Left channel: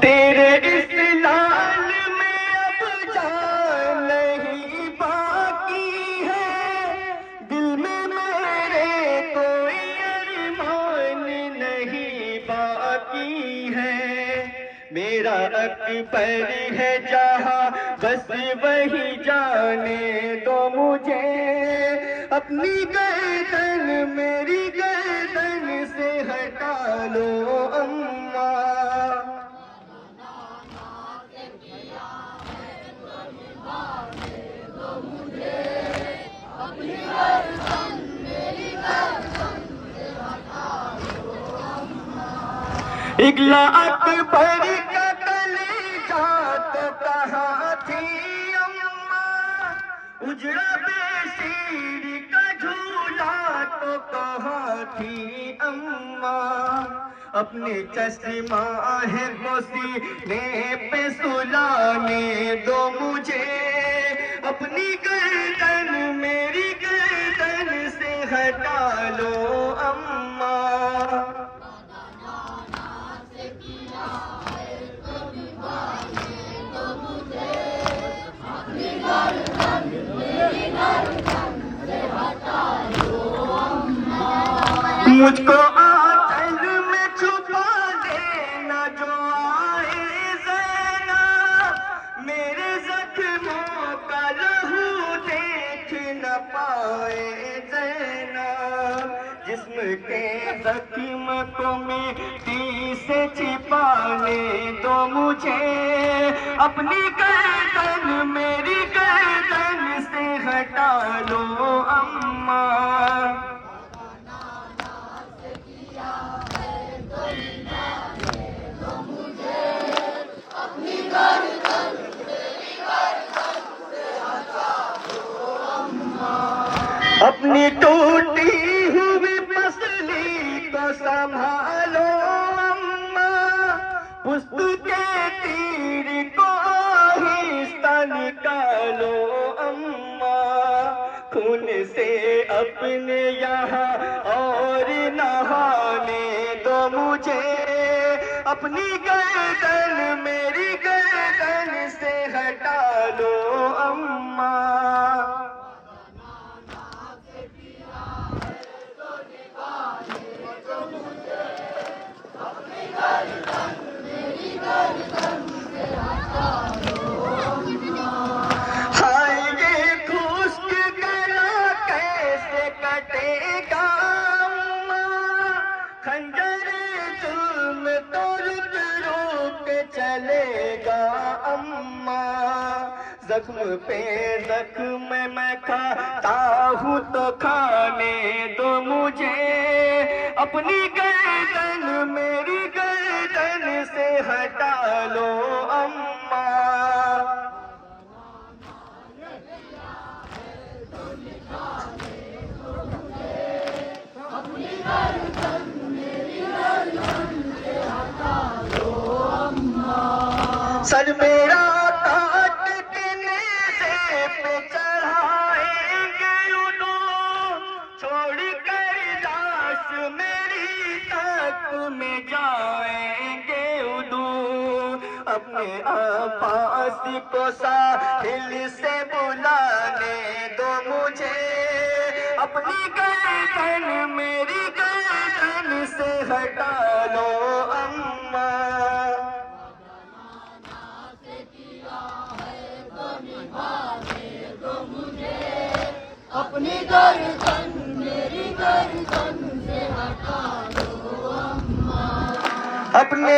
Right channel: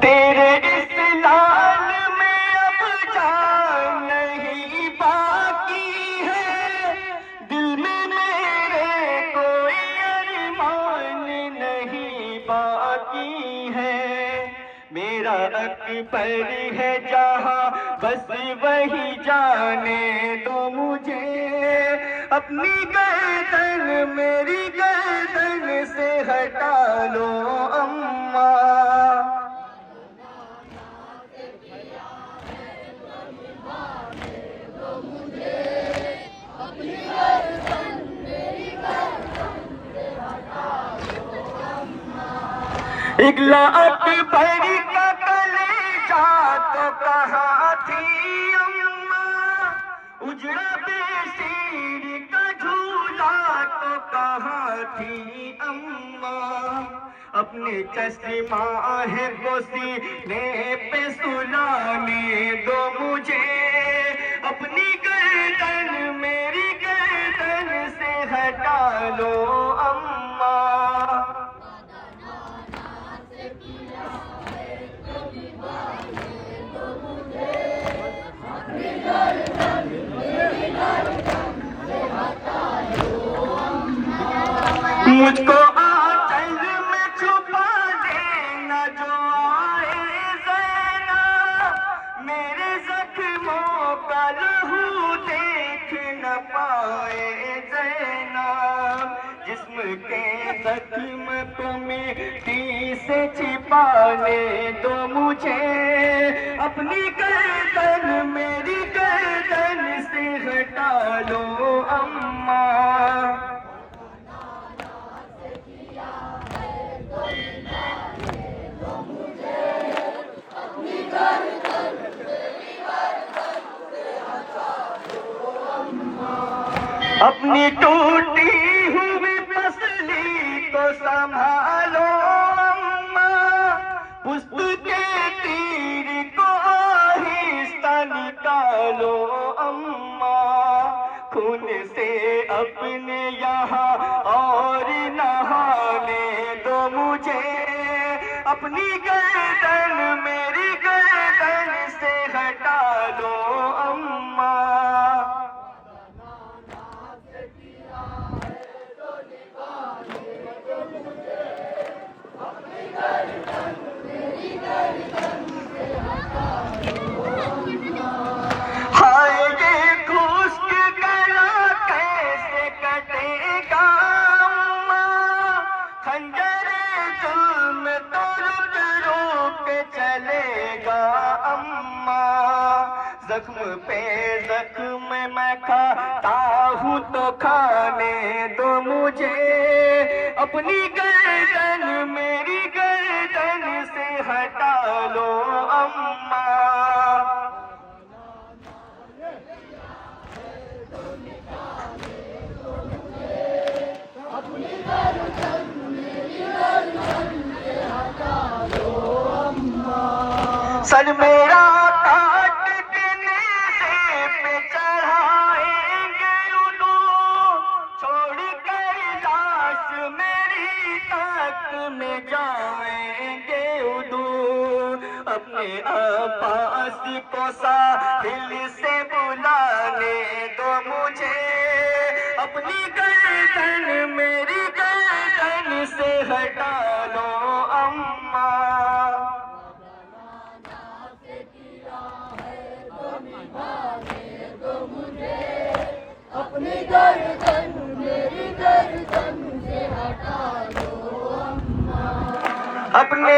तेरे इस लाल में अब जान नहीं बाकी है, दिल में मेरे कोई अरमान नहीं बाकी है। मेरा अकबर है जहाँ बस वही जाने दो मुझे, अपनी गर्दन मेरी गर्दन से हटा लो अम्मा। इगला अकबर का कलेजा तो कहाँ थी अम्मा, उजड़ा बेसीर का झूला तो कहाँ थी अम्मा। अपने चश्मा है को सीने पे सुलाने दो मुझे, अपनी गर्दन मेरी गर्दन से हटा लो अम्मा। मुझको आंचल में छुपा देना जो आए ज़ैना, मेरे ज़ख्मों का लहू देख न पाए ज़ैना। जिस्म के ज़ख्म को मिट्टी से छिपाने दो मुझे, अपनी गर्दन मेरी गर्दन से हटा लो अम्मा। अपनी टूटी हुई पसली को संभालो अम्मा, पुष्प के तीर को आहिस्ता निकालो अम्मा। खून से अपने यहाँ और नहाने दो मुझे, अपनी गर्दन मेरी गर्दन से हटा लो अम्मा। हाय ये खुश्क गला कैसे कटेगा अम्मा, खंजर जुल्म तो रुक रुक चलेगा अम्मा। जख्म पे जख्म मैं खाता हूँ तो खाने दो मुझे, अपनी गर्दन मेरी गर्दन से हटा लो अम्मा। सर मेरा काटने पे चढ़ाएंगे उदू, छोड़ कर लाश मेरी तक में जाएंगे उदू। अपने अब्बास को साहिल से बुलाने दो मुझे, अपनी गर्दन मेरी गर्दन से हटा लो अम्मा। अपनी गर्दन मेरी गर्दन से हटा लो अम्मा। अपने